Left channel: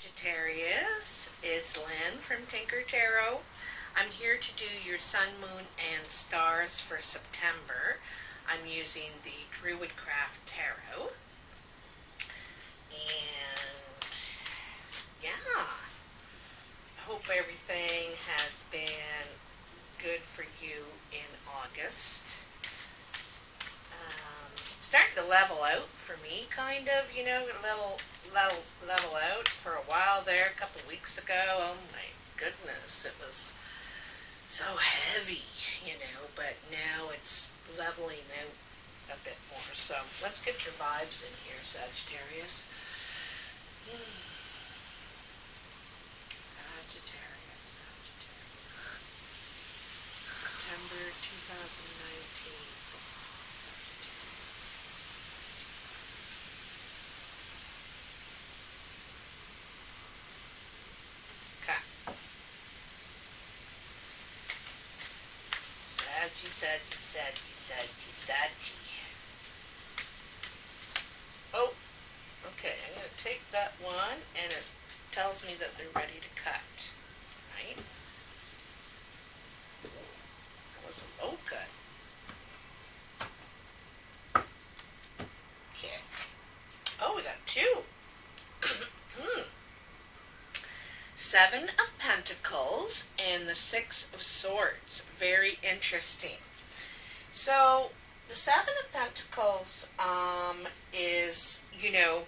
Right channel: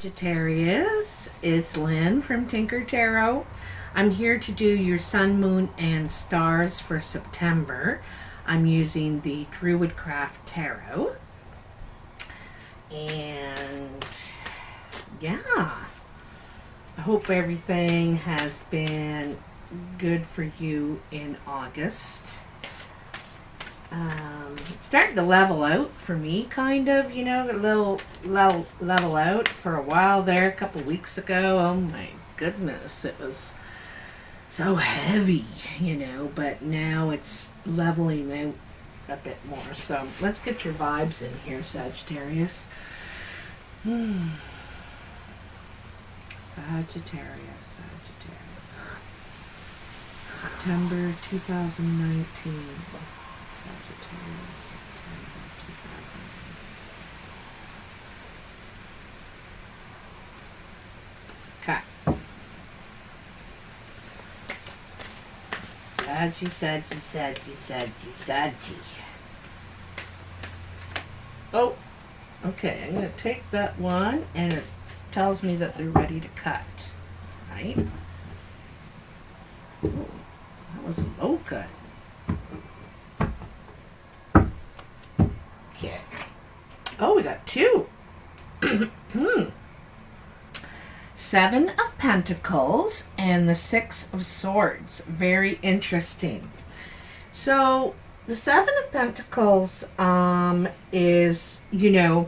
Sagittarius, it's Lynn from Tinker Tarot. I'm here to do your sun, moon, and stars for September. I'm using the Druid Craft Tarot. And yeah, I hope everything has been good for you in August. It's starting to level out for me, kind of, a little level out for a while there, a couple weeks ago. Oh my goodness, it was so heavy, but now it's leveling out a bit more. So let's get your vibes in here, Sagittarius. Sagittarius. September 2019. Sagittarius, September 2019. Okay. Saggy. Oh, okay. I'm going to take that one, and it tells me that they're ready to cut. Right? Ooh, that was a low cut. Okay. Oh, we got two. Seven of Pentacles and the Six of Swords. Very interesting. So the Seven of Pentacles is, you've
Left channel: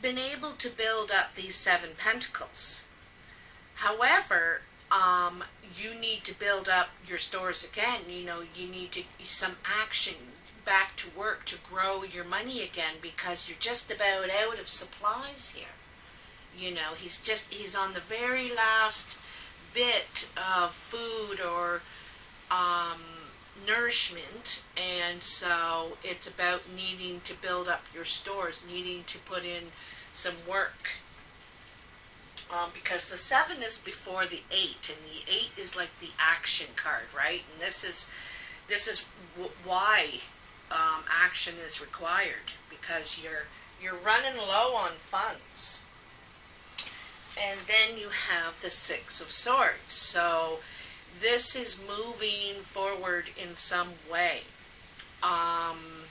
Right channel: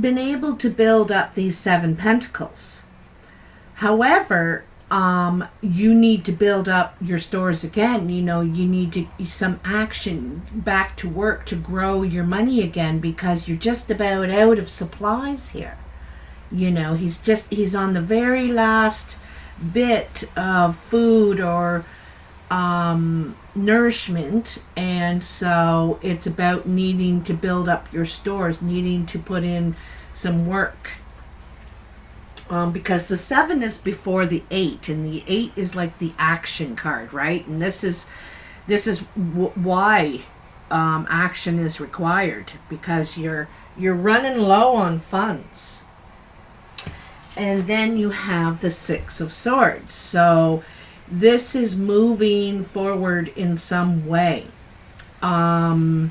been able to build up these seven pentacles. However, you need to build up your stores again. You need some action, back to work to grow your money again, because you're just about out of supplies here. He's on the very last bit of food or nourishment, and so it's about needing to build up your stores, needing to put in some work. Because the 7 is before the 8, and the 8 is like the action card, right? And this is why action is required, because you're running low on funds. And then you have the Six of Swords. So this is moving forward in some way. You're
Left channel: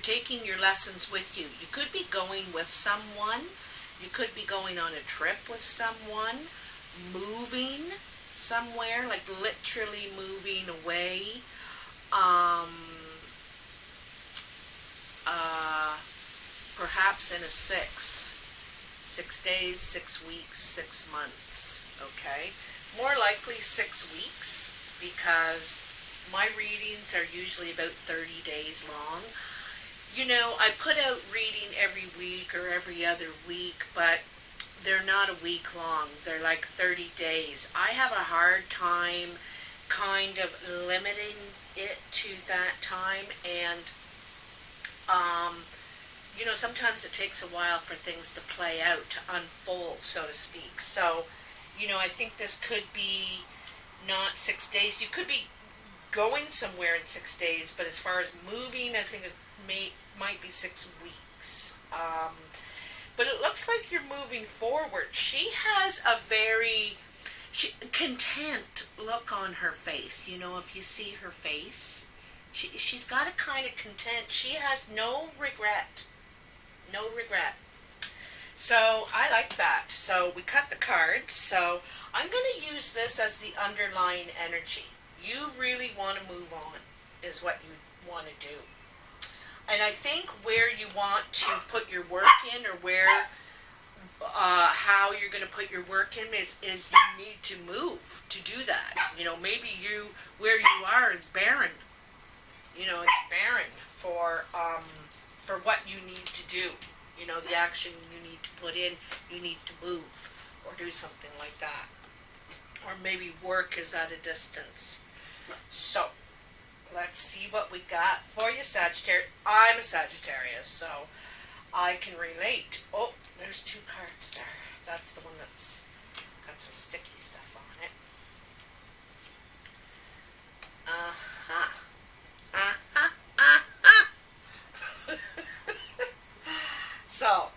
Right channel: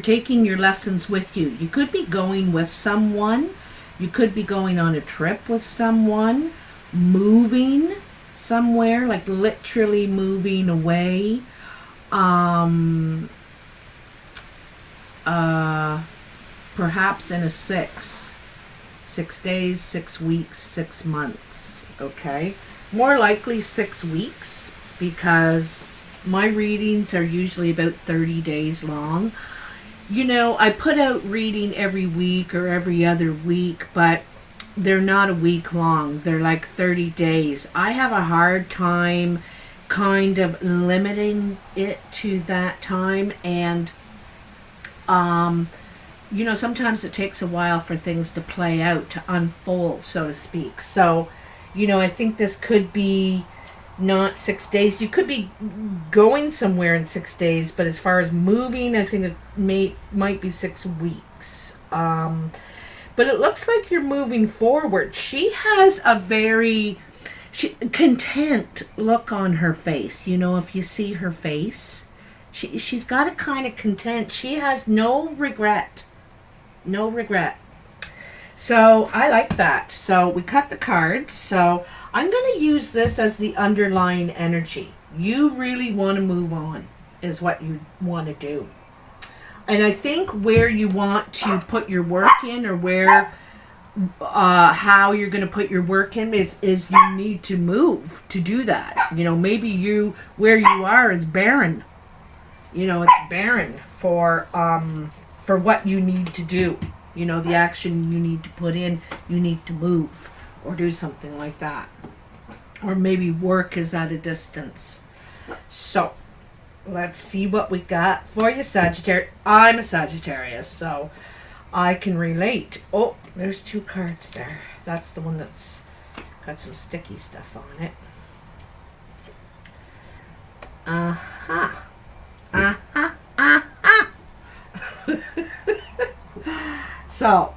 taking your lessons with you. You could be going with someone. You could be going on a trip with someone, moving somewhere, like literally moving away. Perhaps in a 6 days, 6 weeks, 6 months. Okay, more likely 6 weeks, because my readings are usually about 30 days long. I put out reading every week or every other week, but they're not a week long. They're like 30 days. I have a hard time kind of limiting it to that time, and sometimes it takes a while for things to play out, to unfold, so to speak. So, I think this could be not 6 days. You could be going somewhere in 6 days, but as far as moving, I think it might be 6 weeks. But it looks like you're moving forward. She has a very content look on her face. If you see her face, she's got a kind of content. She has no regret. No regret. So I like that. So we cut the cards. So I'm going to use this as the underlying energy. You really want to move on, is what you want to do. And I think where you want to put your work in, or how you're going to put your work in, is you need to move to do that. Maybe where you are is barren. It's barren for what you need to do. The action you need to put in, you need to move or do something like that. Or maybe work is at a distance. So, let's see what we got for you, Sagittarius. I'm a Sagittarius, so I can relate. Oh, there's 2 cards there. That's the one that's got some sticky stuff on it. So,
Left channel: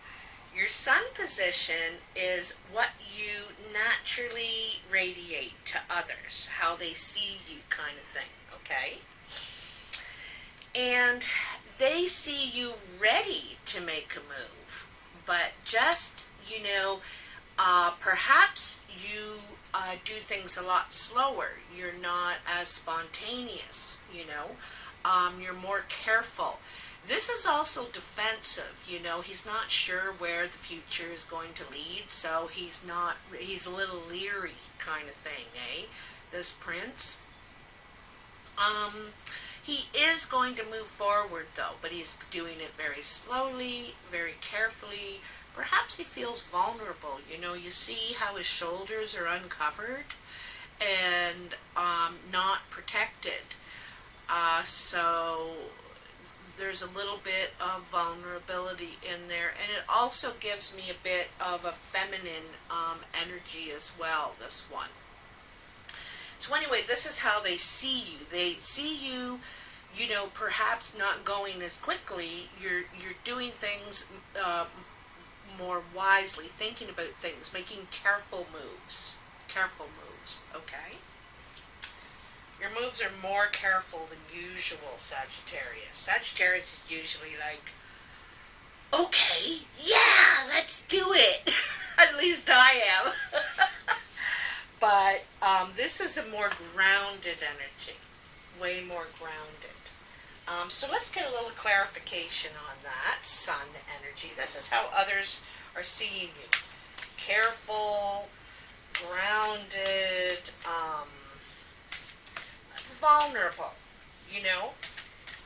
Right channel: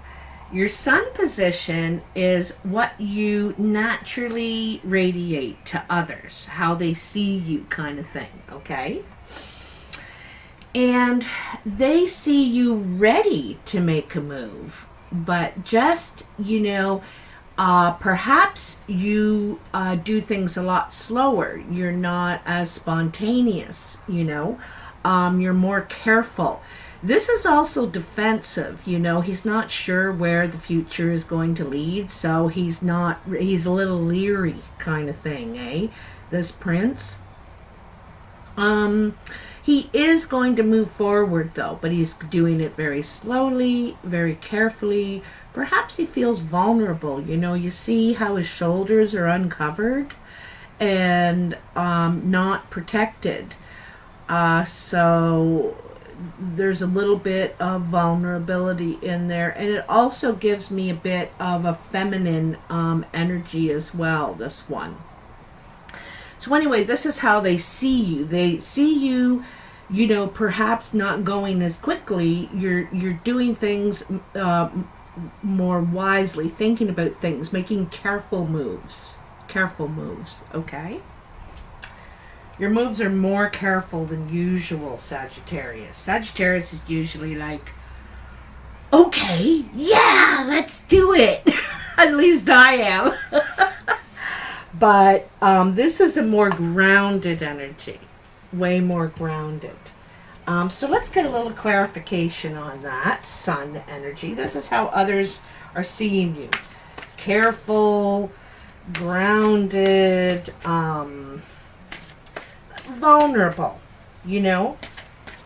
your sun position is what you naturally radiate to others, how they see you, kind of thing, okay? And they see you ready to make a move, but just, perhaps you do things a lot slower. You're not as spontaneous, you're more careful. This is also defensive, he's not sure where the future is going to lead, so he's a little leery kind of thing, eh? This prince. He is going to move forward though, but he's doing it very slowly, very carefully. Perhaps he feels vulnerable, you see how his shoulders are uncovered and not protected. So there's a little bit of vulnerability in there, and it also gives me a bit of a feminine energy as well, this one. So anyway, this is how they see you. They see you, perhaps not going as quickly. You're doing things more wisely, thinking about things, making careful moves, okay? Your moves are more careful than usual, Sagittarius. Sagittarius is usually like, okay, yeah, let's do it. At least I am. But this is a more grounded energy, way more grounded. So let's get a little clarification on that sun energy. This is how others are seeing you. Careful, grounded, vulnerable,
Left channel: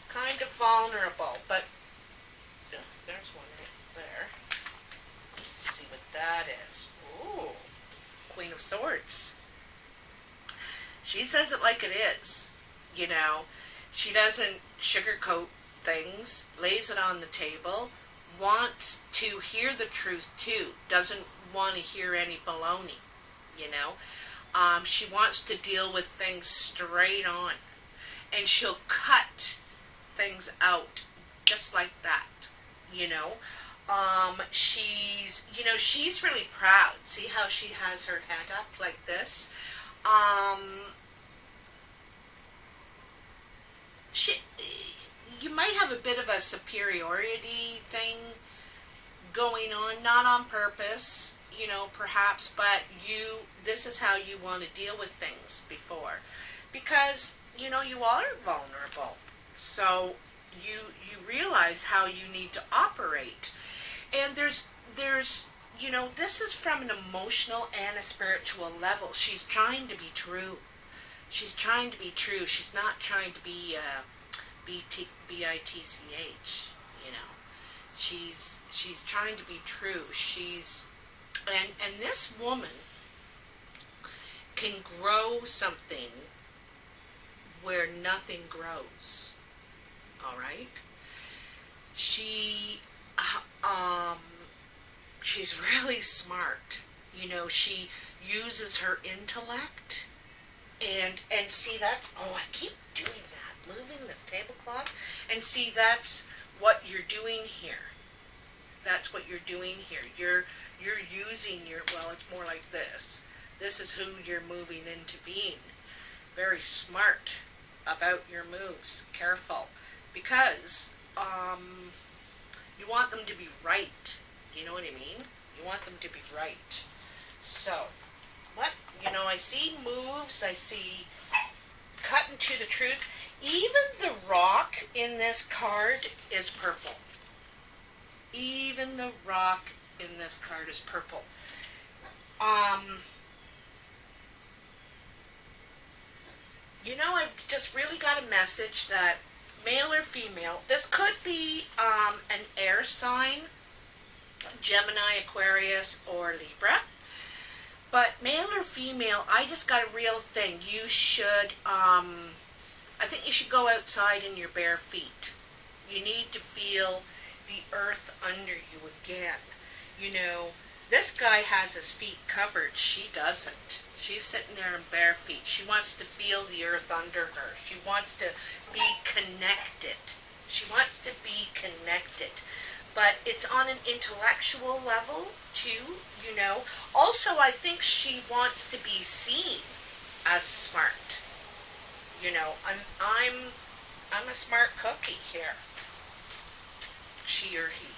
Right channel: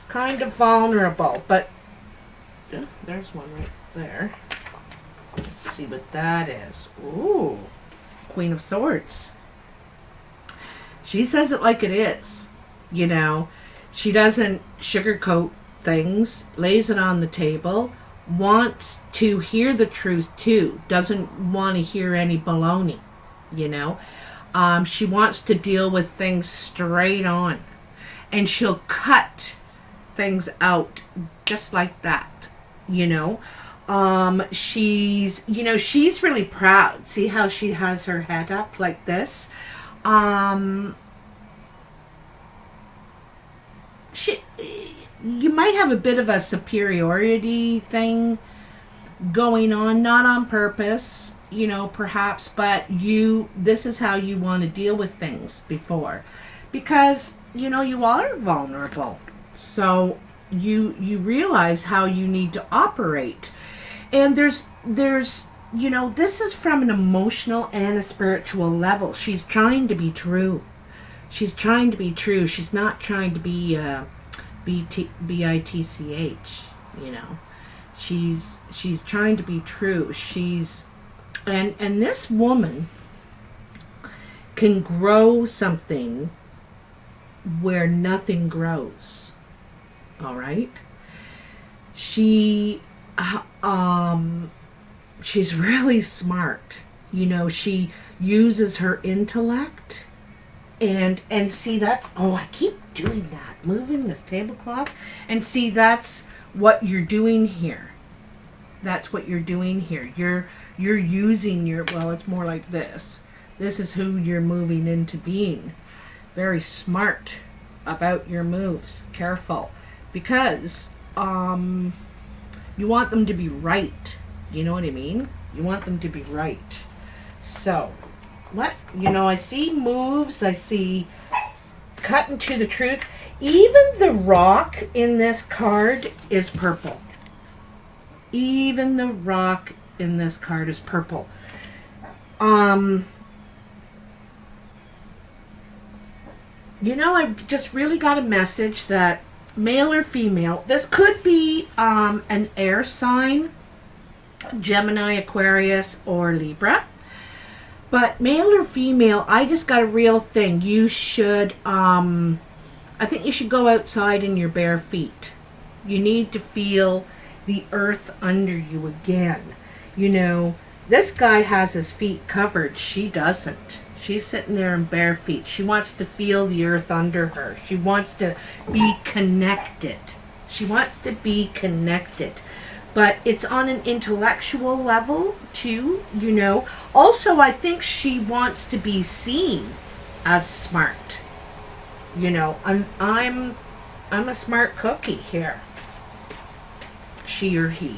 kind of vulnerable, but there's one right there. Let's see what that is. Ooh, Queen of Swords. She says it like it is, She doesn't sugarcoat things, lays it on the table, wants to hear the truth too, doesn't want to hear any baloney, She wants to deal with things straight on, and she'll cut things out just like that, she's really proud. See how she has her head up like this? You might have a bit of a superiority thing going on, not on purpose, perhaps, but this is how you want to deal with things before, because you are vulnerable, so you realize how you need to operate. And there's this is from an emotional and a spiritual level. She's trying to be true. She's not trying to be bitch, She's trying to be true. And this woman can grow something where nothing grows. All right? She's really smart. She uses her intellect and see, that's, I keep doing that, moving this tablecloth, and see, that's what you're doing here. You're using it's more like this. This is who you're moving into being. Very smart about your moves. Careful. Because you want them to be right. You know what I mean? You want them to be right. So, I see moves. I see cutting to the truth. Even the rock in this card is purple. I've just really got a message that male or female, this could be an air sign, Gemini, Aquarius, or Libra. But male or female, I just got a real thing. You should, I think you should go outside in your bare feet. You need to feel the earth under you again. This guy has his feet covered. She doesn't. She's sitting there in bare feet. She wants to feel the earth under her. She wants to be connected. but it's on an intellectual level too, you know. Also, I think she wants to be seen as smart. You know, I'm a smart cookie here. She or he.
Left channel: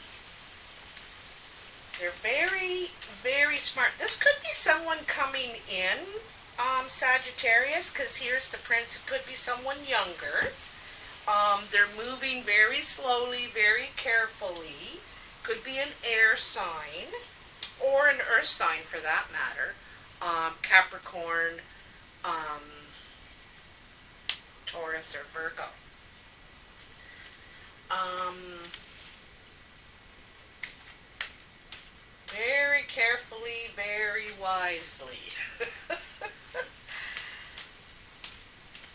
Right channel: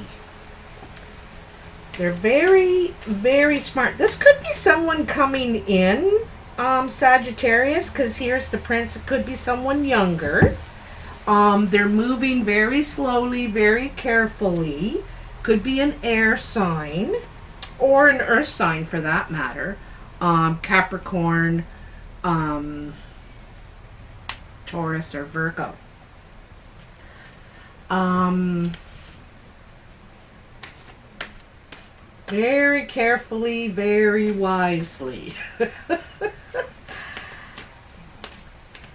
They're very, very smart. This could be someone coming in, Sagittarius, because here's the prince. It could be someone younger. They're moving very slowly, very carefully. Could be an air sign or an earth sign for that matter. Capricorn, Taurus, or Virgo. Very carefully, very wisely.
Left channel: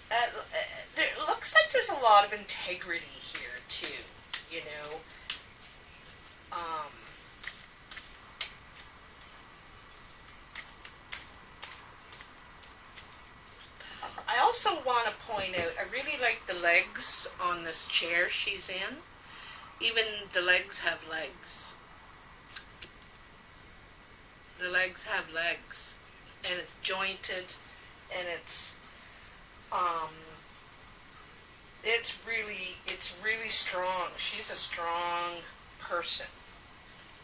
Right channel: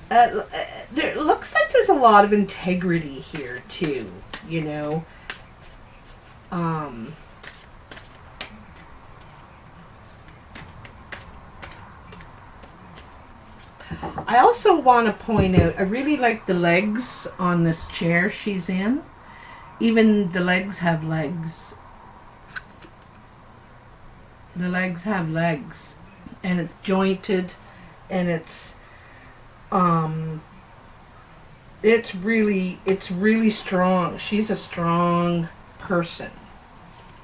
There looks like there's a lot of integrity here too, you know. I also want to point out, I really like the legs on this chair she's in. Even the legs have legs. The legs have legs. And it's jointed, and it's really strong. She's a strong person.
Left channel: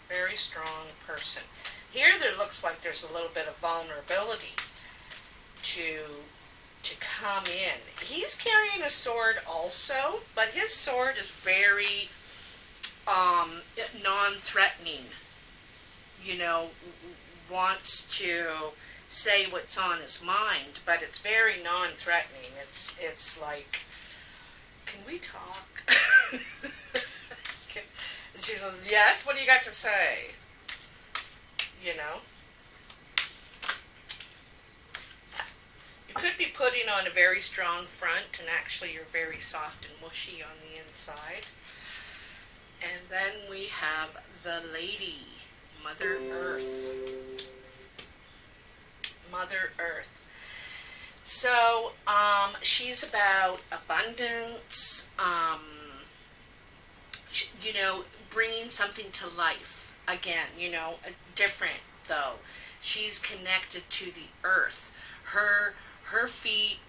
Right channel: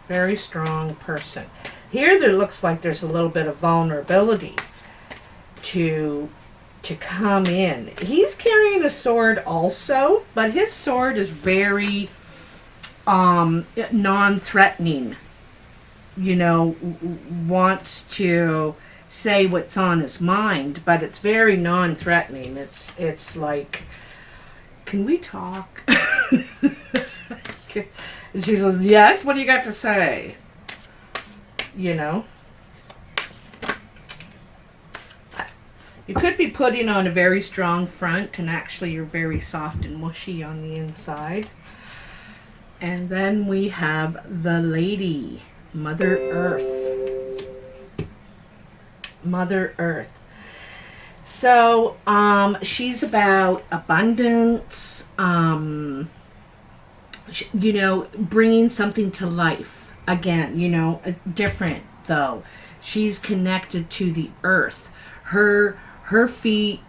Very strong person. Here there looks like there's a little bit of vulnerability to come in. He's carrying a sword also, but his sword is very non-threatening. You know, wants to say what's on his mind, but it's very non-threatening. It's like, can we talk? And she says, yes, what do you got to say? You know? You could be putting on a very strong front, and actually you're very soft and mushy on the inside. And then we have the lady, Mother Earth. Mother Earth. So, she's about abundance, you know, bringing something to life. Again, you know, different though. She's connected to the earth. Her feet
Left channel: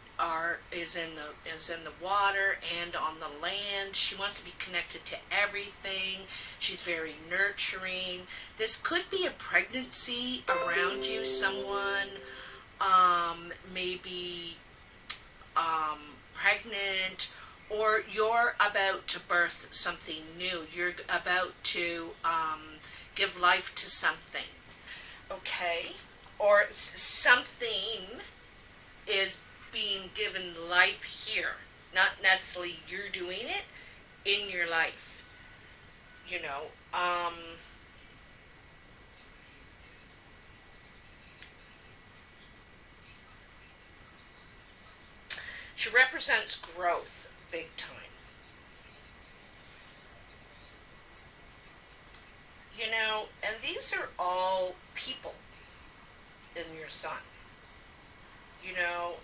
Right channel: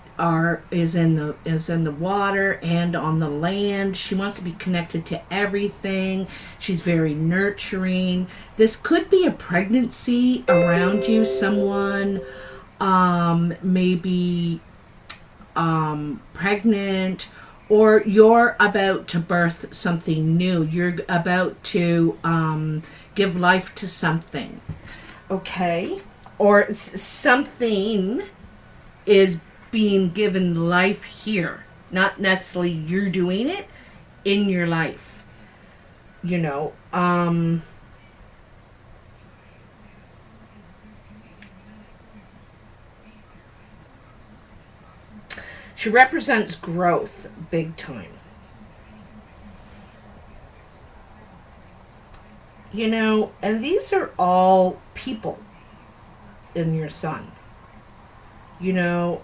is in the water and on the land. She wants to be connected to everything. She's very nurturing. This could be a pregnancy around you. Someone maybe pregnant, or you're about to birth something new. You're about to give life to something. Okay? Or something is being given life here. Not necessarily you're doing it, in your life. You know, she represents growth big time. You know, and these are all people in your sun. You know,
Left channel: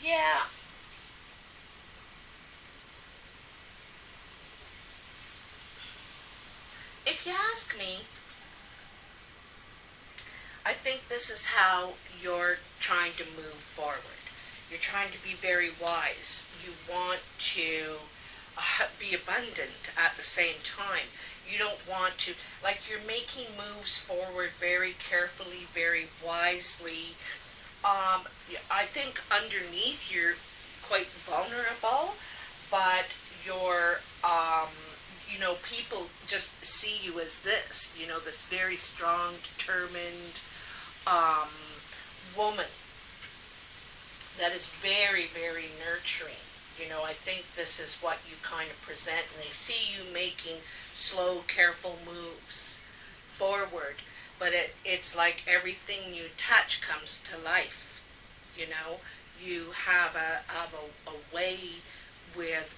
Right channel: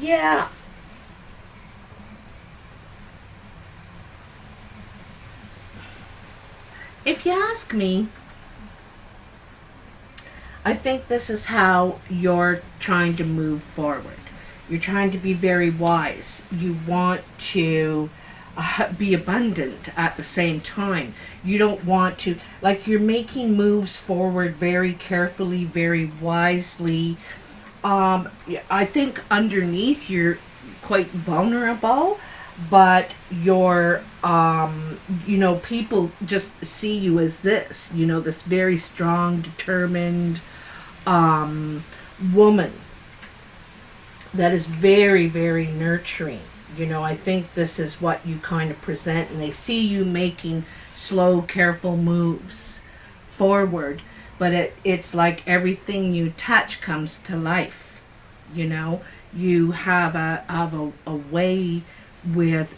yeah. If you ask me, I think this is how you're trying to move forward. You're trying to be very wise. You want to be abundant at the same time. You don't want to, like, you're making moves forward very carefully, very wisely. I think underneath you're quite vulnerable, but you're, you know, people just see you as this, you know, this very strong, determined woman that is very, very nurturing. You know, I think this is what you kind of present, and they see you making slow, careful moves forward, but it's like everything you touch comes to life. You know, you have a way with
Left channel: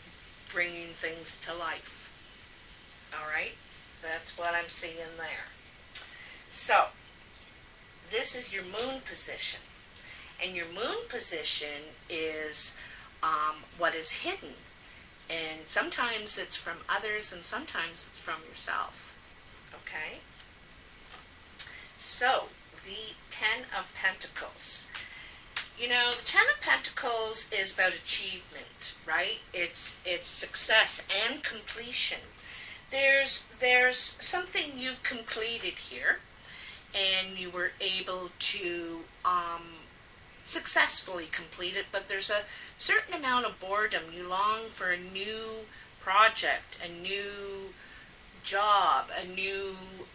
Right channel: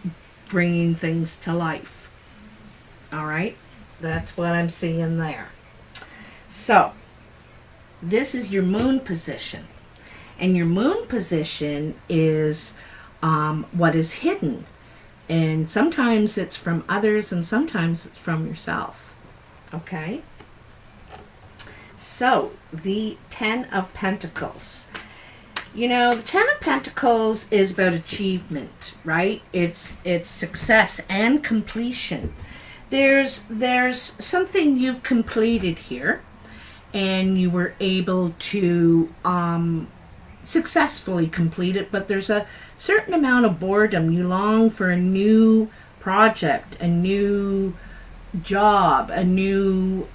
bringing things to life. All right? That's what I'm seeing there. So, this is your moon position. And your moon position is what is hidden. And sometimes it's from others and sometimes it's from yourself. Okay? So, the Ten of Pentacles. You know, the Ten of Pentacles is about achievement, right? It's success and completion. There's something you've completed here, and you were able to successfully complete it, but there's a certain amount of boredom. You long for a new project, a new job, a new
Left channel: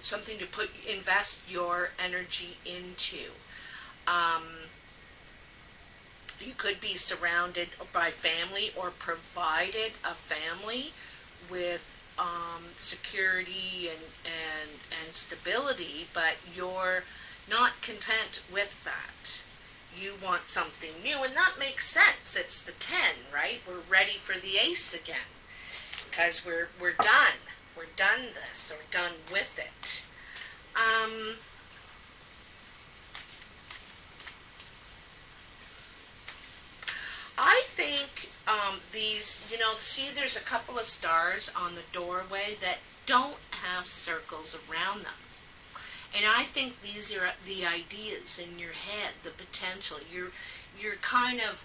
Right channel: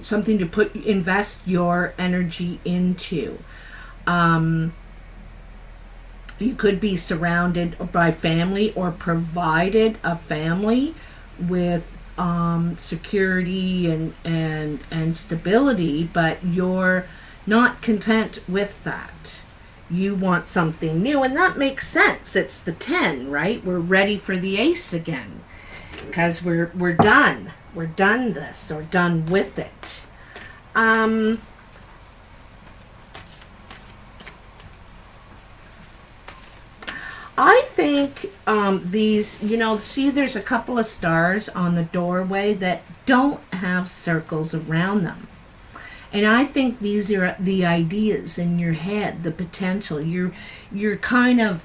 something to invest your energy into. You could be surrounded by family or provided a family with security and stability, but you're not content with that. You want something new, and that makes sense. It's the 10, right? We're ready for the ace again because we're done. We're done this, or done with it. I think these, you know, see there's a couple of stars on the doorway that don't have circles around them. And I think these are the ideas in your head, the potential. You're kind of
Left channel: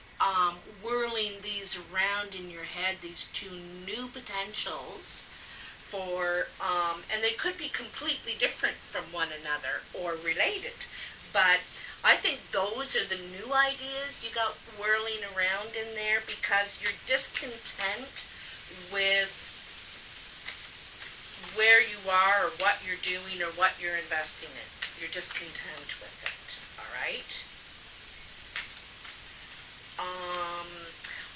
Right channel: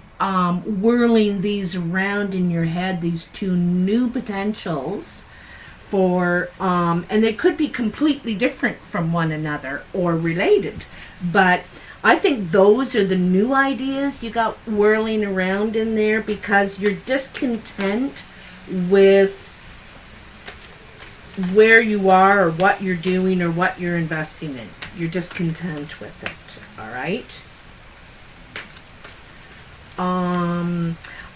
whirling these around in your head, these two new potentials for, and they could be completely different from one another or related. But I think those are the new ideas you got whirling around in there because you're discontent with where you are or what you're doing or what you're investing in. You're discontent with it. All right.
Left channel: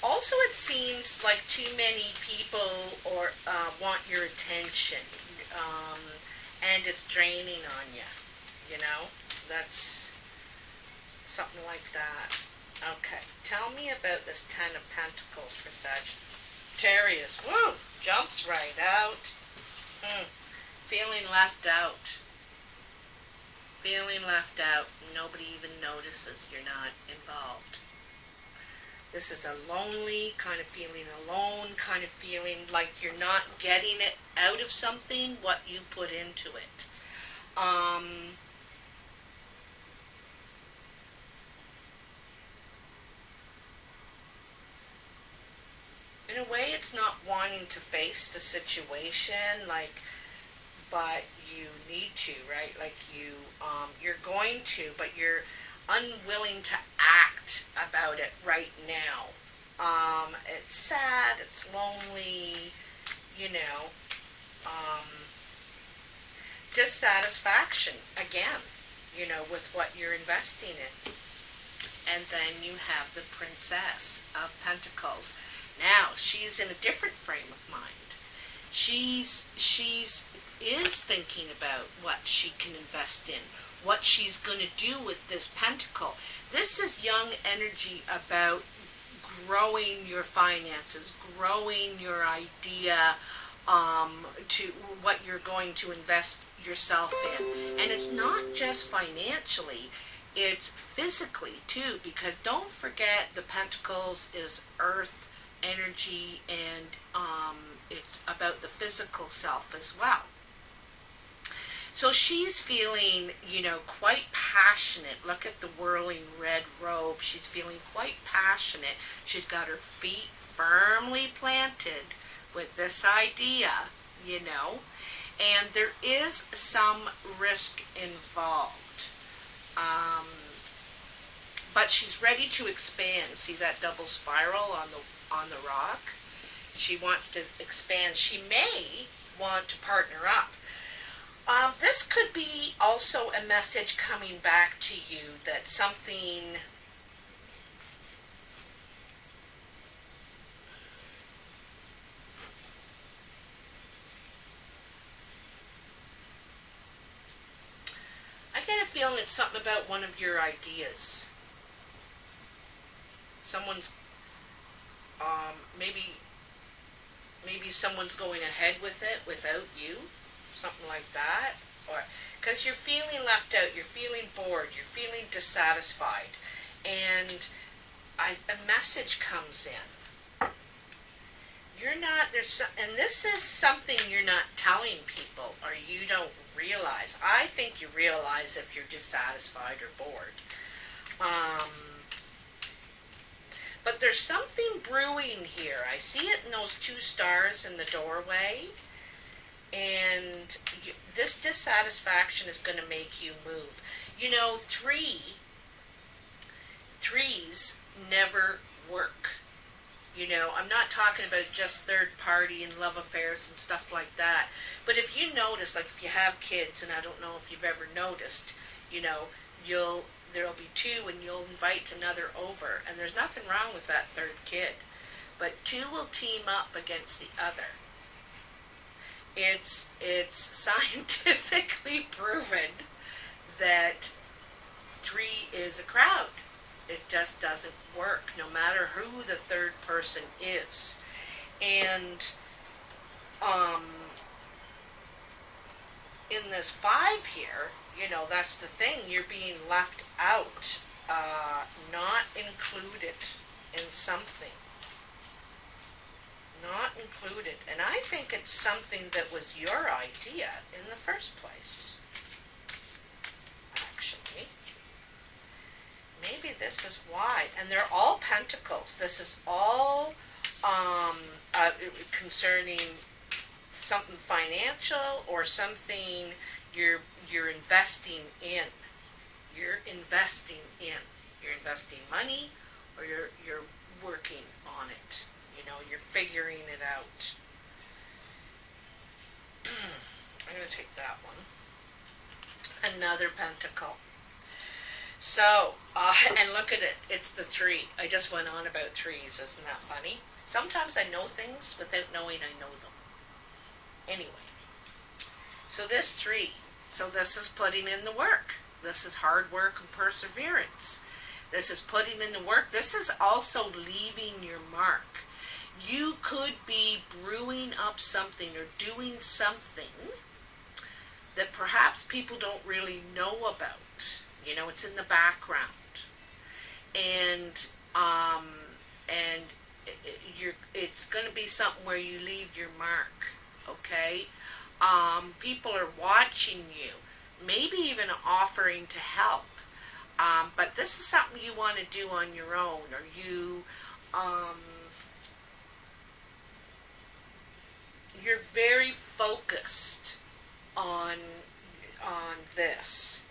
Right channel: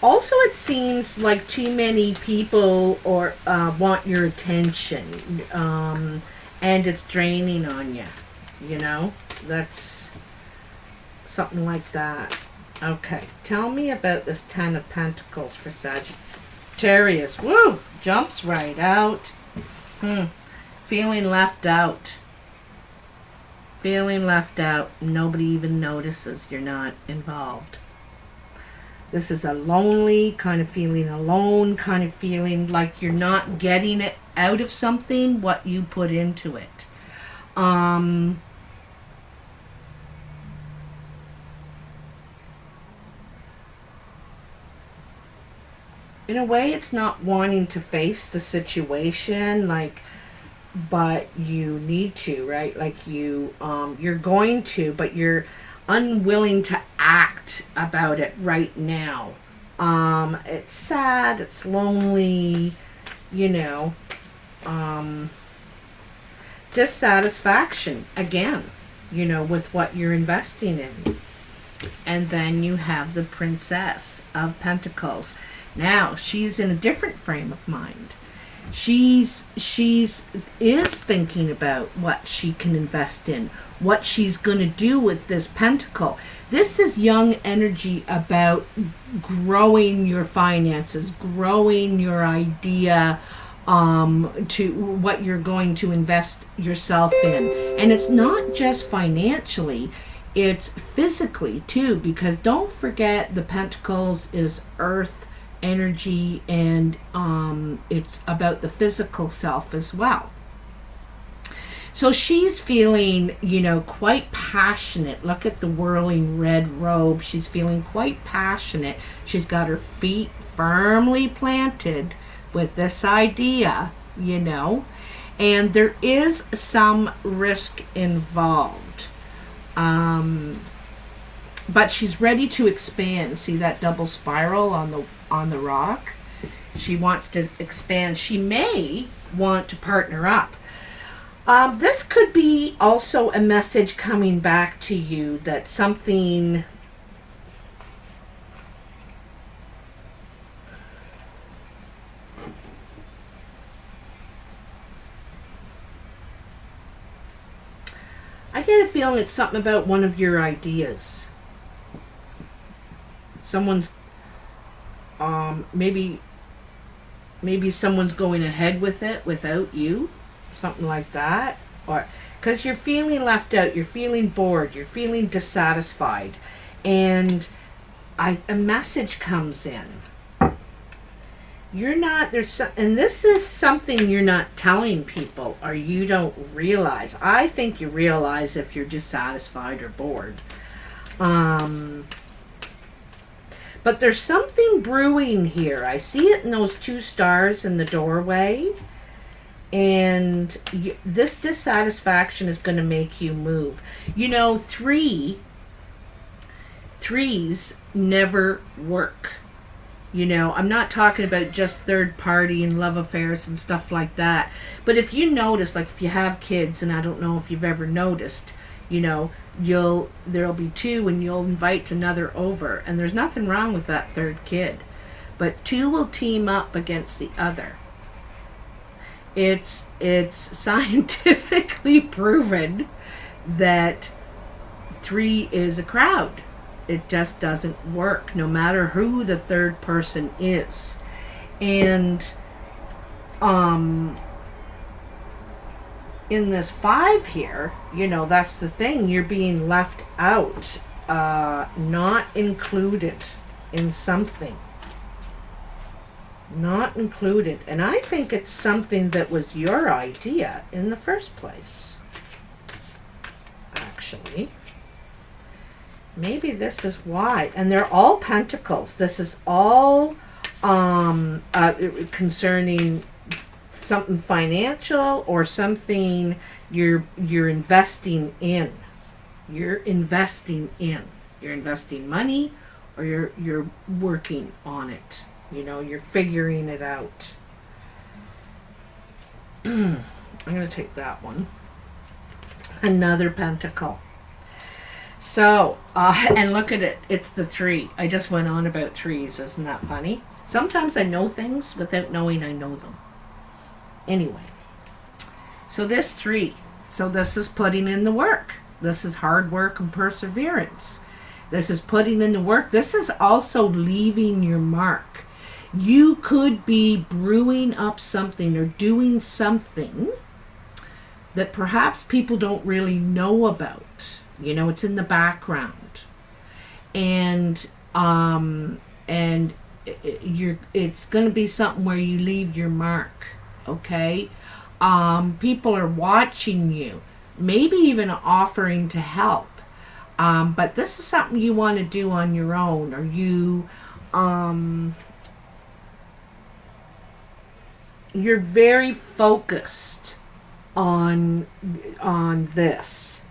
Also, it seems like too many people or want your attention, and it's draining on you. You know, that's something like that. Okay, tell me about this Ten of Pentacles for Sagittarius. Woo! Jumps right out. Feeling left out. Feeling left out. Nobody even notices you're not involved. This is a lonely kind of feeling, alone kind of feeling, like you're not getting it out of something, what you put into it. In a way, it's not wanting to face the situation, like, but you need to, right? Like you're going to, but you're unwilling to act about it right now. It's sad, it's lonely, you know, dissatisfaction again, you know, with what you're investing in. And then you have the Princess of Pentacles. Now she's in a different frame of mind. She's thinking about what she can invest in, what she's going to do with this pentacle. This is young energy about growing your finances, growing your idea to what you're going to invest yourself in. And it's not just financially, it's physically too, because don't forget the pentacles is earth energy, and it's about the physical self as well. So she's feeling, you know, quite passionate. Look at the whirling red robe. She's feeling quite passionate. She's got her feet firmly planted with this idea, you know, and there is some risk involved. But she's ready to expand. See that double spiral on the rock? She wants to expand. She may want to partner up. This could be also a message coming back to you that something I get a feeling it's something about one of your ideas. Someone's maybe someone's going ahead with it without you, something like that, or because you're feeling left out, you're feeling bored, you're feeling dissatisfied, and a message comes in. You're not and this is something you're not telling people, or you don't realize. I think you realize if you're dissatisfied or bored. But there's something brewing here. I see it in those 2 stars in the doorway. And this dissatisfaction is going to make you move. You know, threes never work. You know, I'm not talking about just third party and love affairs and stuff like that. But if you notice, like if you have kids, and I don't know if you've ever noticed, you know, there'll be 2 and you'll invite another over. And there's nothing wrong with that third kid. But 2 will team up against the other. It's scientifically proven that 3 is a crowd. It just doesn't work, no matter who the third person is. And in this 5 here, you know, that's the thing. You're being left out, not included in something. Not included. And I think it's something that was your idea in the first place. Actually. Maybe this is why. And they're all pentacles. This is all concerning something financial or something you're investing in. You're investing in. You're investing money, or you're working on it. You know, you're figuring it out. I'm going to take that one. Another pentacle. So, and look at it. It's the 3. I just went on about 3s. Isn't that funny? Sometimes I know things without knowing I know them. Anyway. So this 3. So this is putting in the work. This is hard work and perseverance. This is putting in the work. This is also leaving your mark. You could be brewing up something or doing something that perhaps people don't really know about. You know, it's in the background. And it's going to be something where you leave your mark, okay? People are watching you, maybe even offering to help. But this is something you want to do on your own, or you're very focused on this,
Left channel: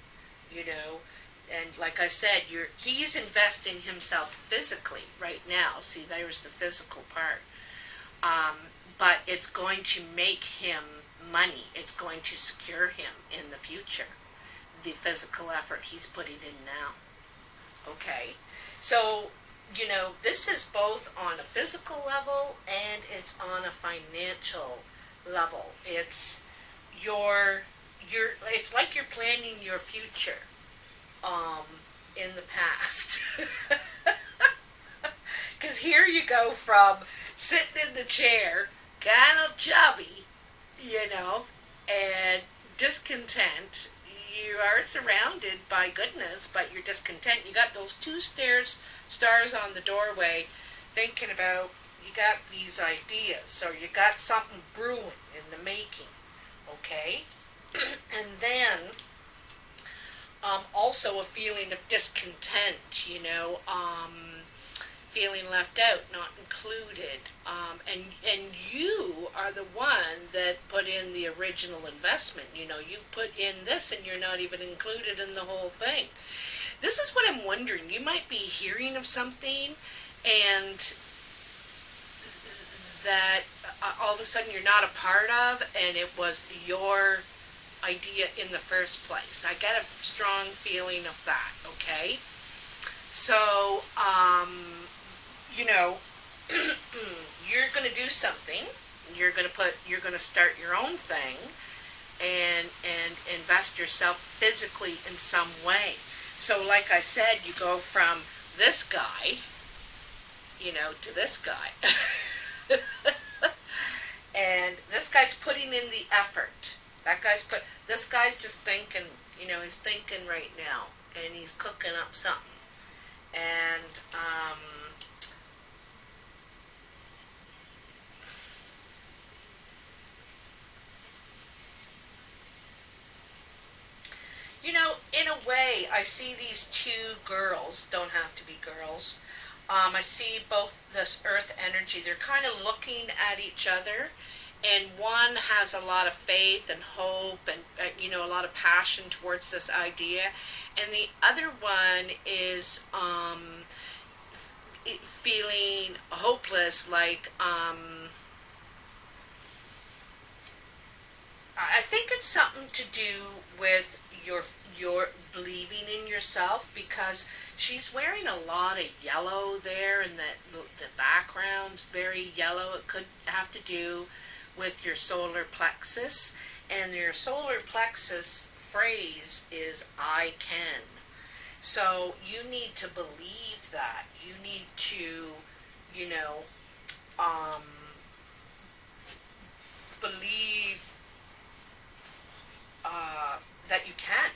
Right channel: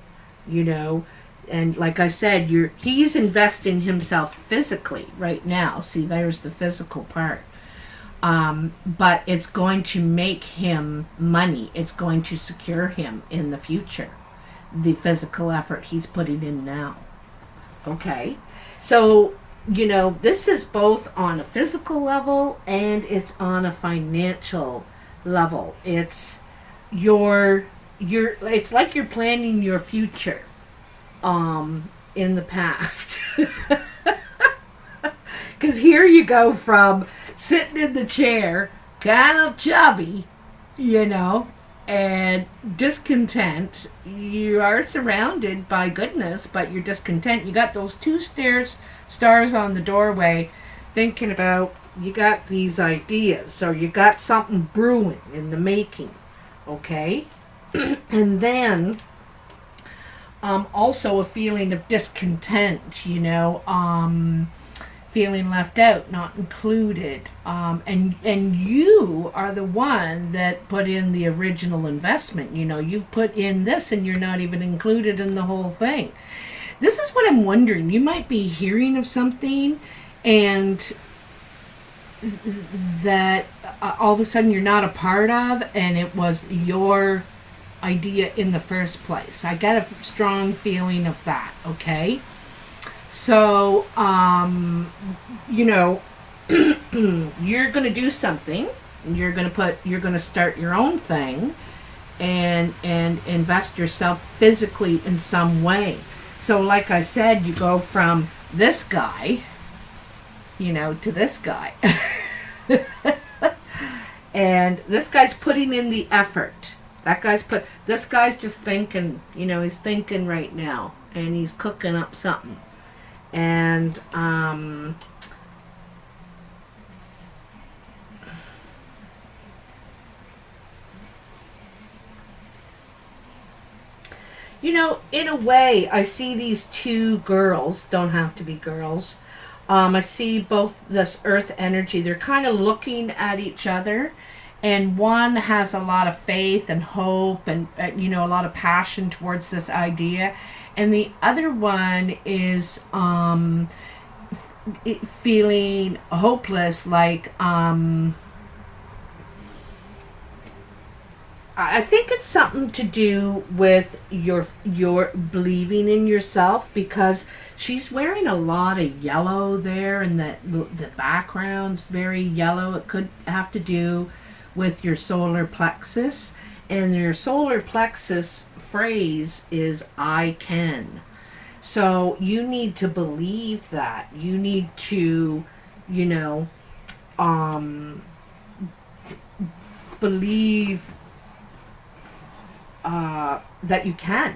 you know. And like I said, he's investing himself physically right now. See, there's the physical part. But it's going to make him money. It's going to secure him in the future. The physical effort he's putting in now. Okay? So, you know, this is both on a physical level and it's on a financial level. It's it's like you're planning your future in the past. Because here you go from sitting in the chair, kind of chubby, you know, and discontent. You are surrounded by goodness, but you're discontent. You got those 2 stars on the doorway, thinking about, you got these ideas, so you got something brewing in the making, okay? And then also a feeling of discontent, you know, feeling left out, not included, and you are the one that put in the original investment. You know, you've put in this and you're not even included in the whole thing. This is what I'm wondering. You might be hearing of something and that all of a sudden you're not a part of, and it was your idea in the first place. I got a strong feeling of that, okay? So, you know, you're going to do something. You're going to start your own thing and invest yourself physically in some way. So, like I said, you go from this guy, you know, to this guy. And this guy's putting in the effort. This guy's just thinking, you know, he's thinking right now. And he's cooking up something. And, you know, in a way, I see these two girls, don't have to be girls. I see both this earth energy. They're kind of looking at each other, and one has a lot of faith and hope and, you know, a lot of passion towards this idea. And the other one is feeling hopeless, like, I think it's something to do with your believing in yourself, because she's wearing a lot of yellow there, and the background's very yellow. It could have to do with your solar plexus, and your solar plexus phrase is "I can." So you need to believe that. You need to, you know, believe that you can.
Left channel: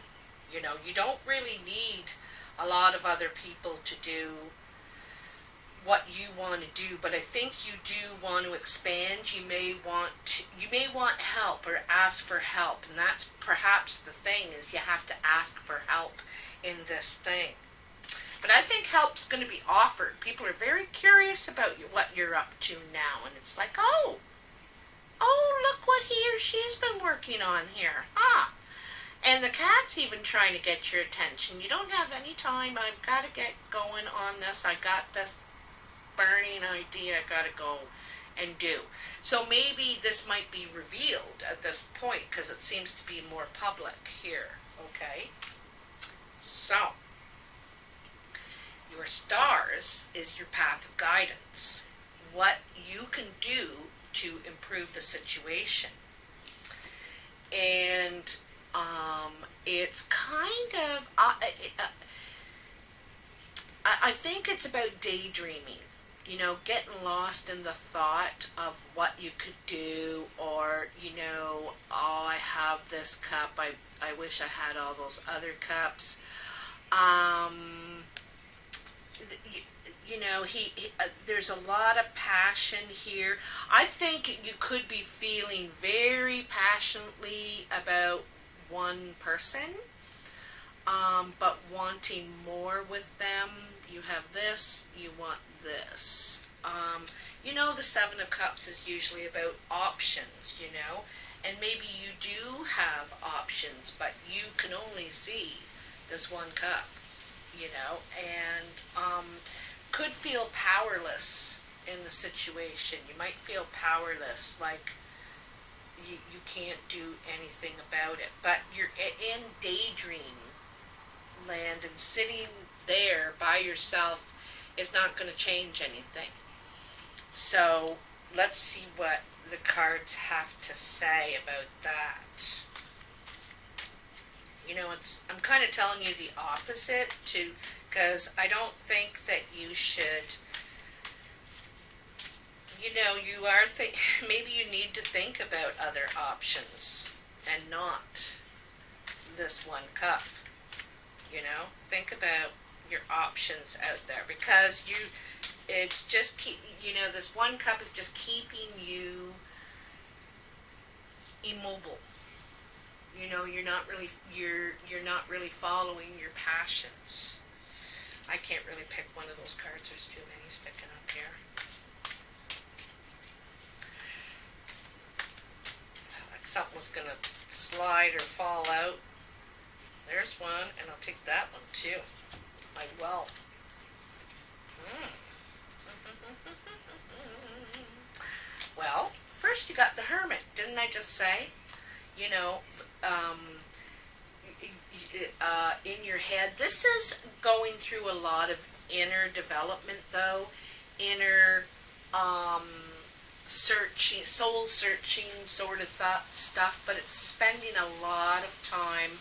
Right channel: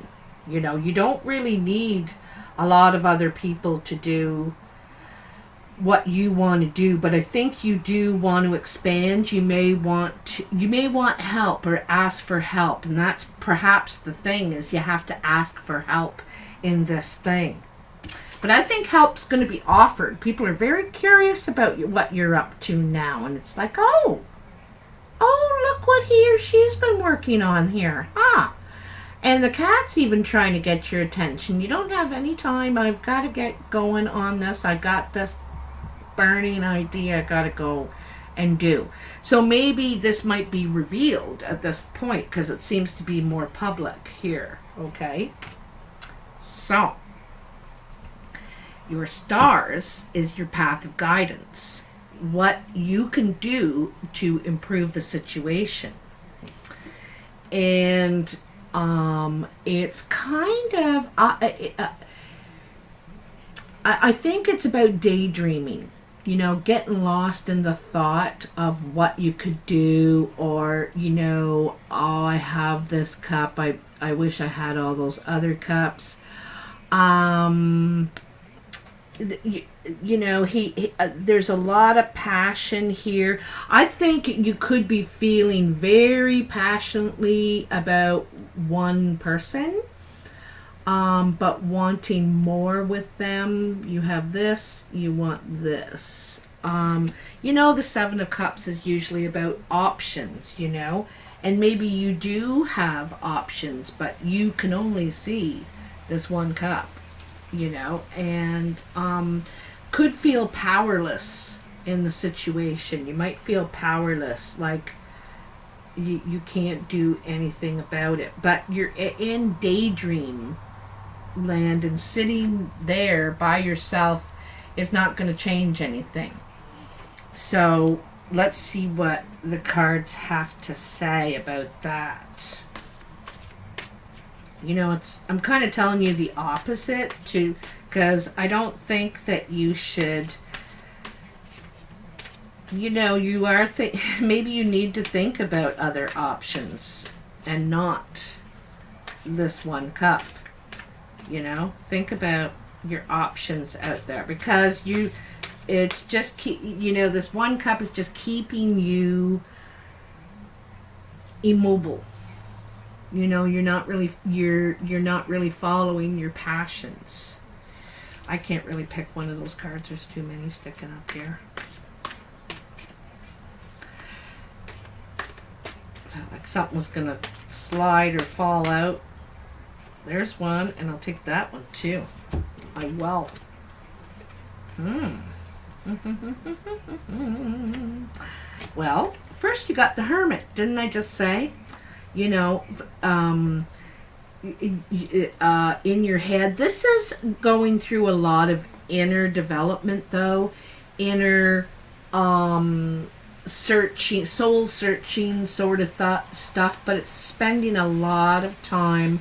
You know, you don't really need a lot of other people to do what you want to do, but I think you do want to expand. You may want help or ask for help, and that's perhaps the thing, is you have to ask for help in this thing. But I think help's going to be offered. People are very curious about what you're up to now, and it's like, oh, look what he or she's been working on here. And the cat's even trying to get your attention. You don't have any time. I've got to get going on this. I got this burning idea I got to go and do. So maybe this might be revealed at this point, because it seems to be more public here. Okay? So, your stars is your path of guidance. What you can do to improve the situation. And it's kind of, I think it's about daydreaming, you know, getting lost in the thought of what you could do, or, you know, oh, I have this cup, I wish I had all those other cups. You know, there's a lot of passion here. I think you could be feeling very passionately about one person, but wanting more with them. You have this, you want this. You know, the Seven of Cups is usually about options, you know, and maybe you do have options, but you can only see this one cup, you know, and could feel powerless in the situation. You might feel powerless, like you can't do anything about it, but you're in daydream land, and sitting there by yourself is not going to change anything. So let's see what the cards have to say about that. You know, I'm kind of telling you the opposite too, because I don't think that you should, you know, maybe you need to think about other options and not this one cup. You know, think about your options out there, because it's just you know, this one cup is just keeping you immobile. You know, you're not really following your passions. I can't really pick one of those cards. There's too many sticking up here. Felt like something was gonna slide or fall out. There's one, and I'll take that one too. I will. Well, first you got the Hermit. Didn't I just say? You know, in your head. This is going through a lot of inner development, though. Inner searching, soul searching sort of stuff, but it's spending a lot of time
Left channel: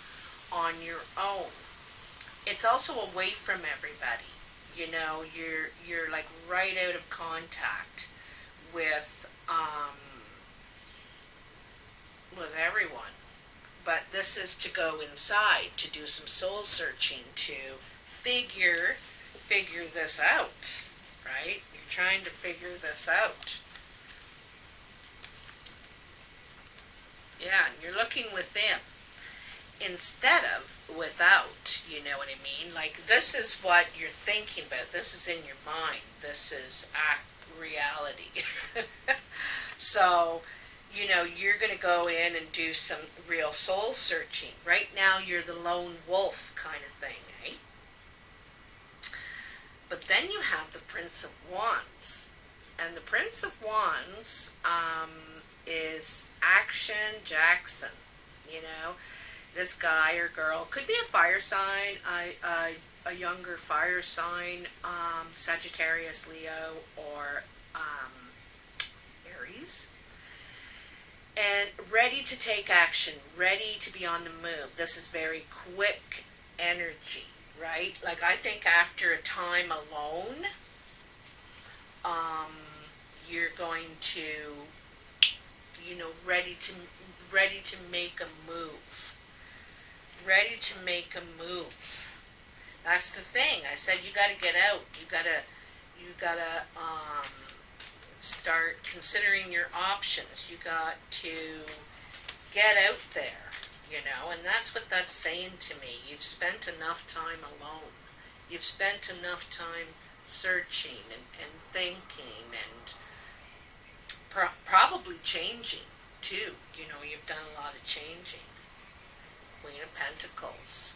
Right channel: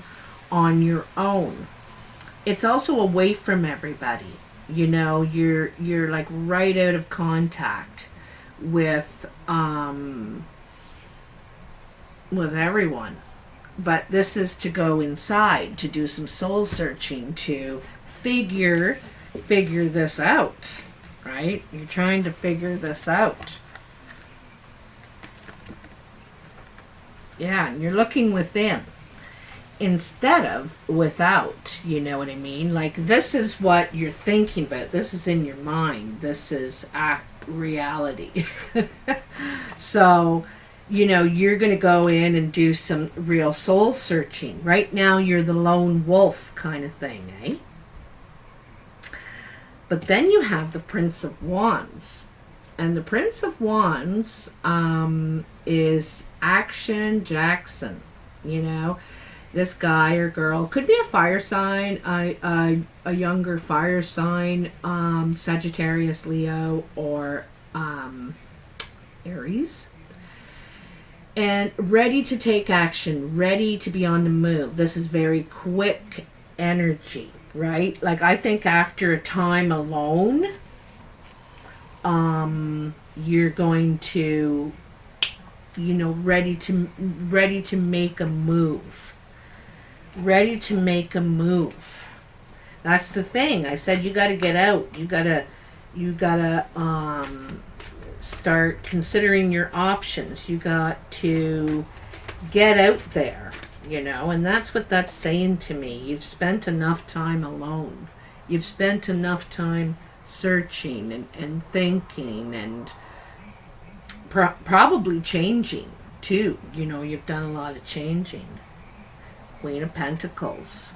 on your own. It's also away from everybody. You know, you're like right out of contact with everyone. But this is to go inside, to do some soul searching, to figure this out, right? You're trying to figure this out. Yeah, and you're looking within instead of without, you know what I mean? Like, this is what you're thinking about. This is in your mind. This is reality. So, you know, you're going to go in and do some real soul searching. Right now, you're the lone wolf kind of thing, eh? But then you have the Prince of Wands. And the Prince of Wands is Action Jackson. You know, this guy or girl could be a fire sign, a younger fire sign, Sagittarius, Leo, or Aries. And ready to take action, ready to be on the move. This is very quick energy, right? Like, I think after a time alone, you're going to, you know, ready to make a move. Ready to make a move. That's the thing. I said you got to get out. You gotta start considering your options. You got to get out there, you know, and that's what that's saying to me. You've spent enough time alone. You've spent enough time searching and thinking and probably changing too. You know, you've done a lot of changing. Queen of Pentacles.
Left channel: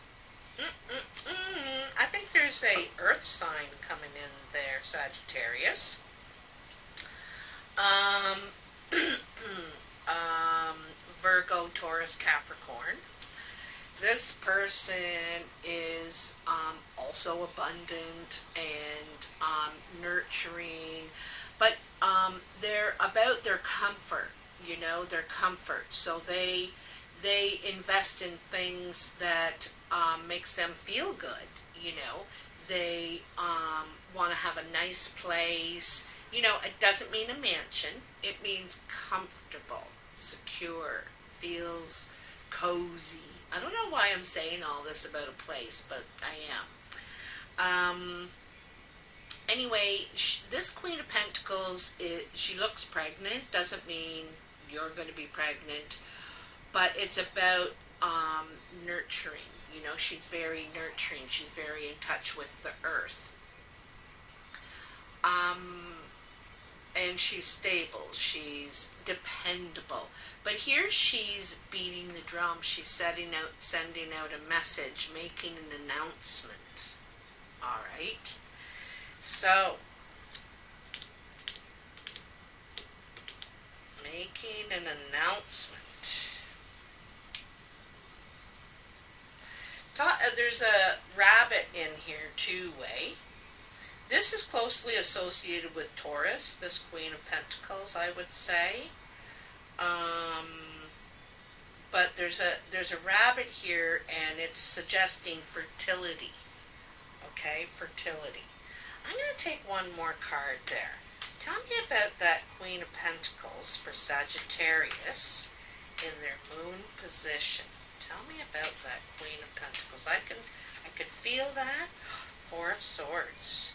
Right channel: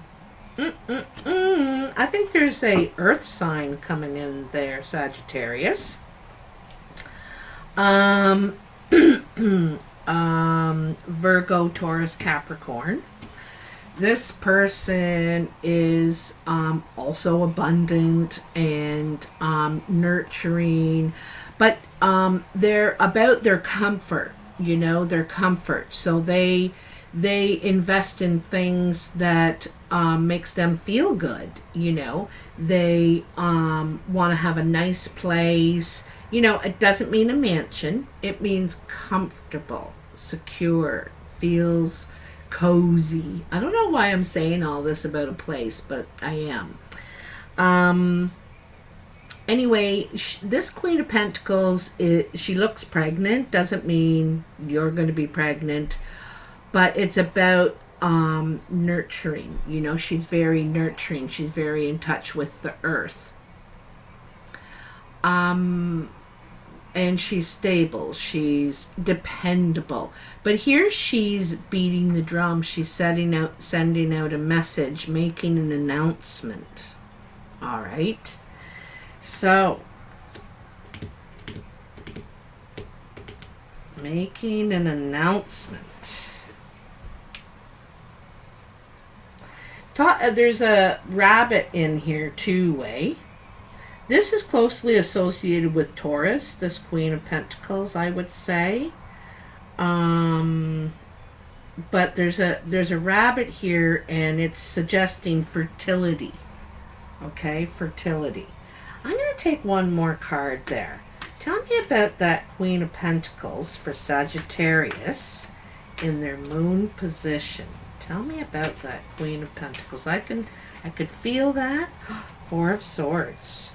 I think there's a earth sign coming in there, Sagittarius. Virgo, Taurus, Capricorn. This person is also abundant and nurturing, but they're about their comfort, you know, their comfort. So they invest in things that makes them feel good, you know. They want to have a nice place. You know, it doesn't mean a mansion. It means comfortable, secure, feels cozy. I don't know why I'm saying all this about a place, but I am. Anyway, this Queen of Pentacles, she looks pregnant. Doesn't mean you're going to be pregnant, but it's about nurturing. You know, she's very nurturing. She's very in touch with the earth. And she's stable. She's dependable. But here she's beating the drum. She's sending out a message, making an announcement. All right. So, making an announcement. There's a rabbit in here too, eh? This is closely associated with Taurus, this Queen of Pentacles, I would say. But there's a rabbit here, and it's suggesting fertility. Okay, fertility. I'm going to take one more card there. Tell me about that Queen of Pentacles for Sagittarius in their moon position. Tell me about that Queen of Pentacles. I could feel that. Four of Swords.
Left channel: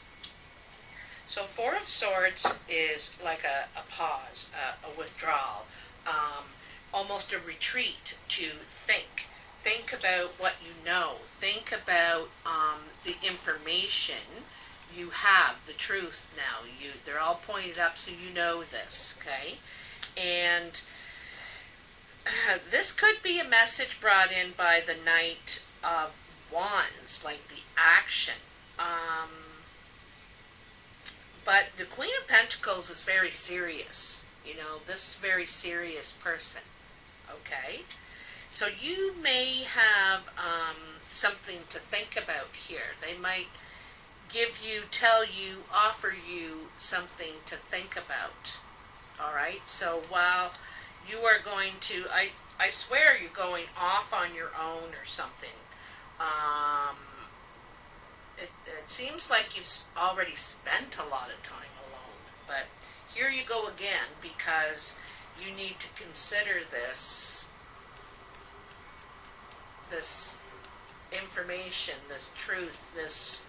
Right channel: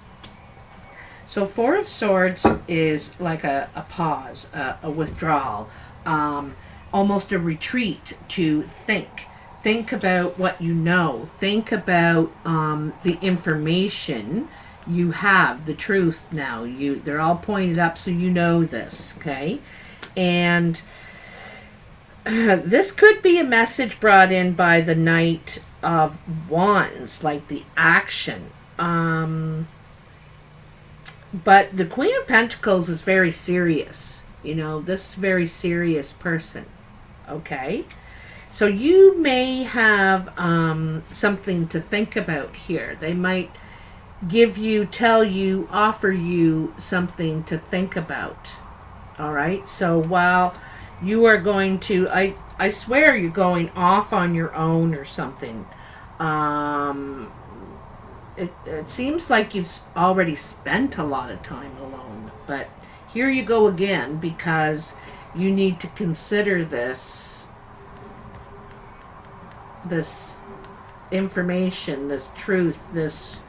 So Four of Swords is like a pause, a withdrawal, almost a retreat to think. Think about what you know. Think about the information you have, the truth now. They're all pointed up, so you know this, okay? And this could be a message brought in by the Knight of Wands, like the action. But the Queen of Pentacles is very serious. You know, this very serious person. Okay? So you may have something to think about here. They might give you, tell you, offer you something to think about. All right? So while you are going to, I swear you're going off on your own or something. it seems like you've already spent a lot of time alone, but here you go again, because you need to consider this information, this truth, this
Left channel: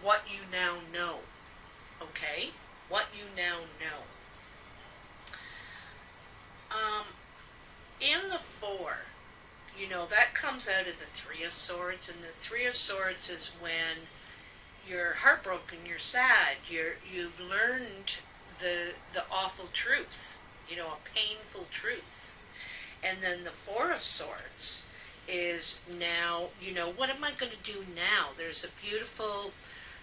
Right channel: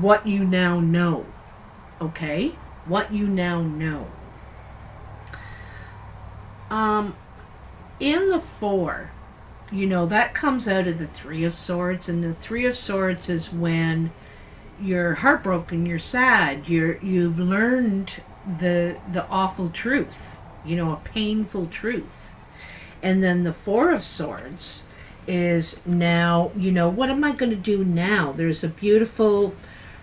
what you now know. Okay? What you now know. In the four, that comes out of the Three of Swords, and the Three of Swords is when you're heartbroken, you're sad, you've learned the awful truth, a painful truth. And then the Four of Swords is now, what am I going to do now? There's a beautiful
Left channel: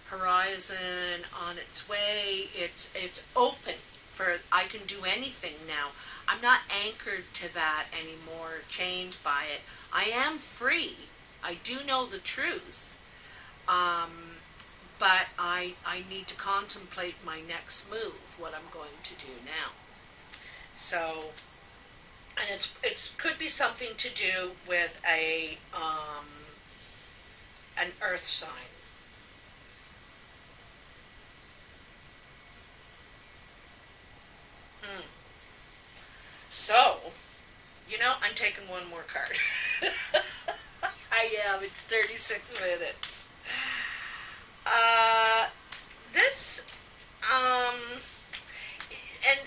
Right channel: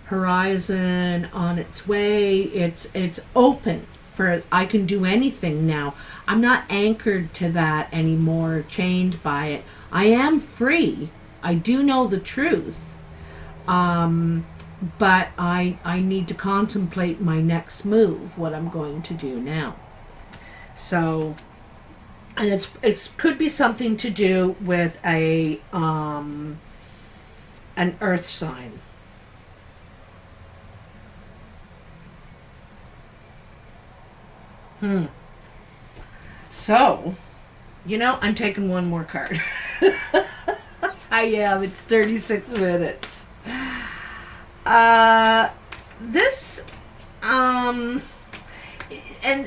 horizon on its way. It's open for, I can do anything now. I'm not anchored to that anymore, chained by it. I am free. I do know the truth. But I need to contemplate my next move, what I'm going to do now. So, and it could be something to do with an earth sign. So, I'm taking one more card. I am. It's 36 minutes. This, and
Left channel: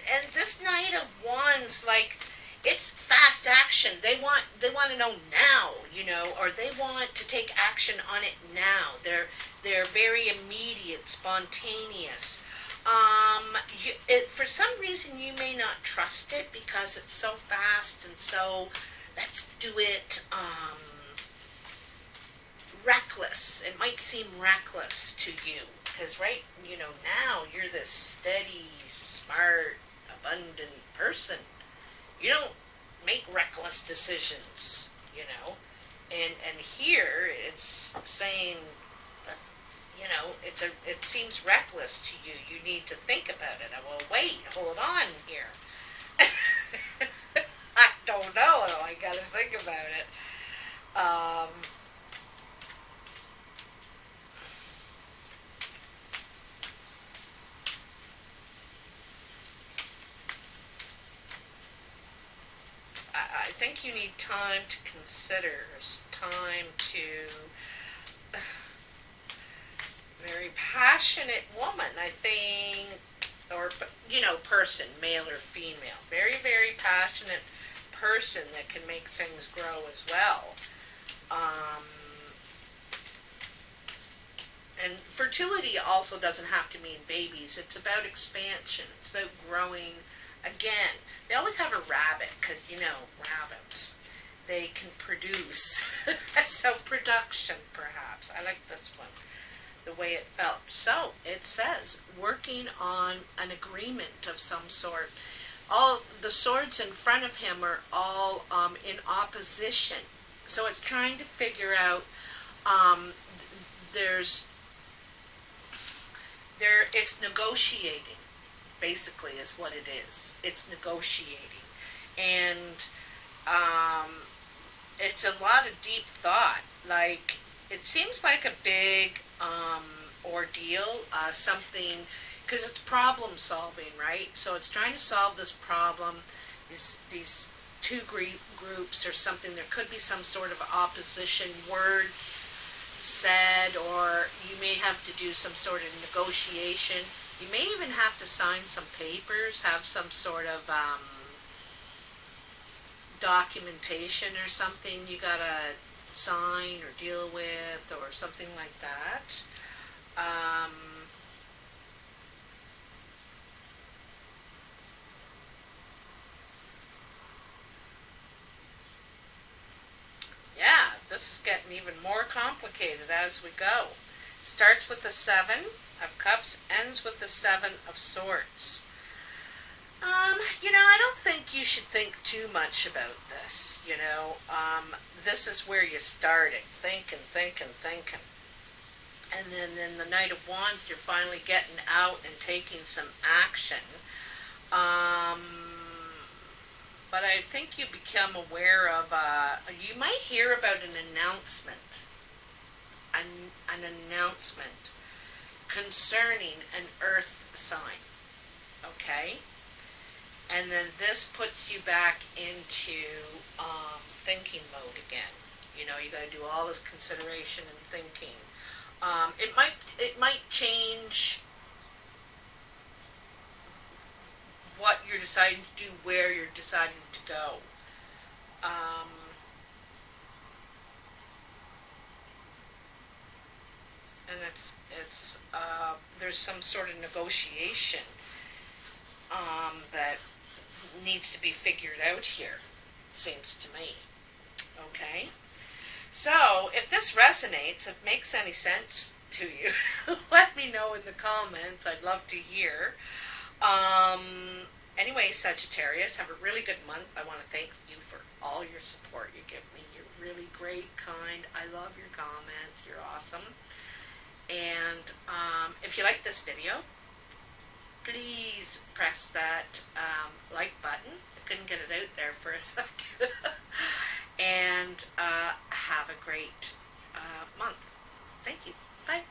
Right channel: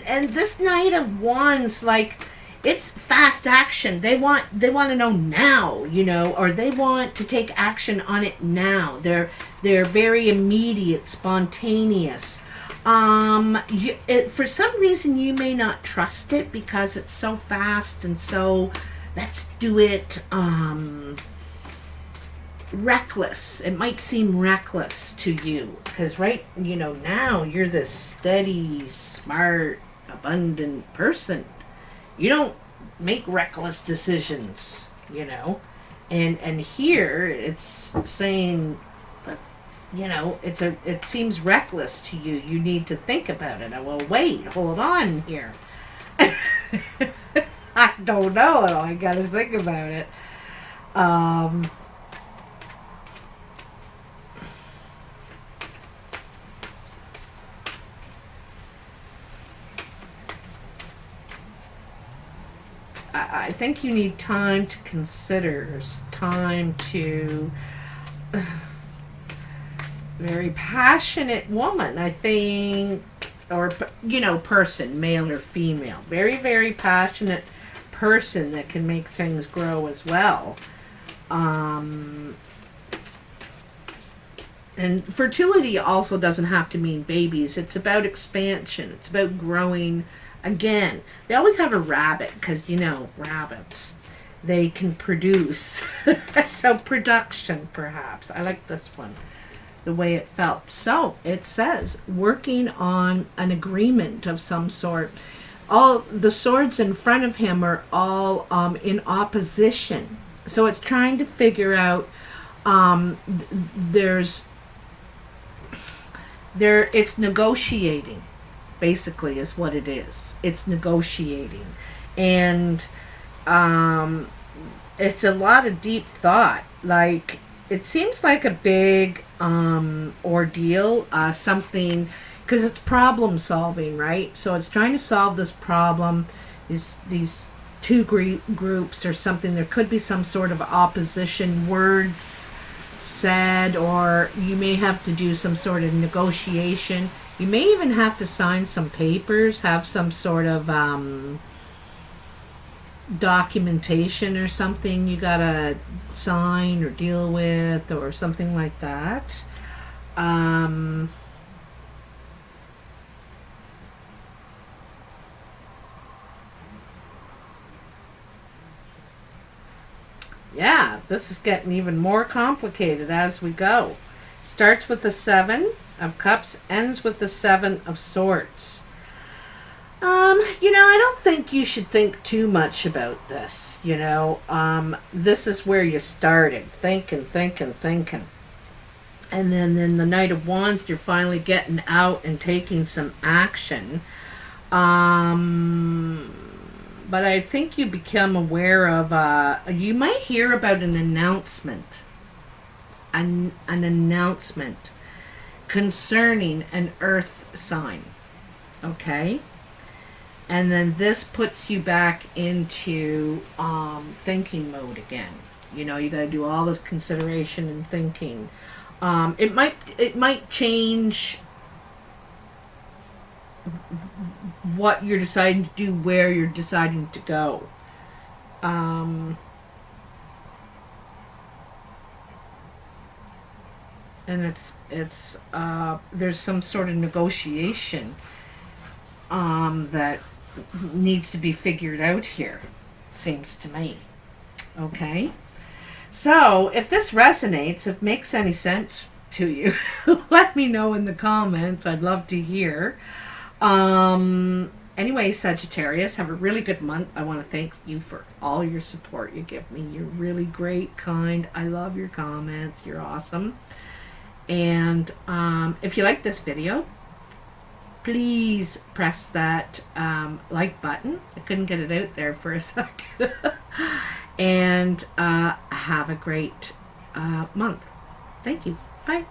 this Knight of Wands, like, it's fast action. They want to know now, or they want to take action on it now. They're very immediate, spontaneous. For some reason you may not trust it because it's so fast and so, let's do it, reckless. It might seem reckless to you because now you're this steady, smart, abundant person. You don't make reckless decisions, and here it's saying, it seems reckless to you. You need to think about it. Well, wait, hold on here. I don't know. I got to think about it. I think you need time to consider, time to... very passionate woman, I think, or, person, male or female. Very, very passionate person that can make things grow as well. And fertility also doesn't have to mean babies. It's about expansion. It's about growing again. They always have a rabbit because, rabbits, they can produce. So production, perhaps. I like this one, the way it felt. So it says working on an agreement of some sort. All the swords in front of him are all in opposition. So it's trying to figure out, it's negotiating, basically, is what it is. It's negotiating. And it's a lot of deep thought. Like, it seems like a big ordeal, something, because it's problem solving, right? So it's trying to solve this problem, these two groups or something. There could be some sort of opposition, words said, or you may have to do some sort of negotiation. You may even have to sign some papers, have some sort of documentation or something you gotta sign or deal with or something like that. Yeah, this is getting even more complicated as we go. Starts with the Seven of Cups, ends with the Seven of Swords. I don't think you should think too much about this, this is where you started, thinking. And then the Knight of Wands, you're finally getting out and taking some action. but I think you become aware of, you might hear about an announcement. An announcement concerning an earth sign. Okay? And then this puts you back into thinking mode again. You know, you got to do all this consideration and thinking. It might change what you're deciding to do, where you're deciding to go. And it's there's some sort of negotiation that needs to be figured out here, seems to me. Okay? So, if this resonates, if it makes any sense to you, let me know in the comments. I'd love to hear. Anyway, Sagittarius, have a really good month. I want to thank you for all your support you give me. You're really great, kind. I love your comments. You're awesome. And if you like this video, please press that like button. I couldn't get it out there for a second. And have a great month. Thank you. Bye.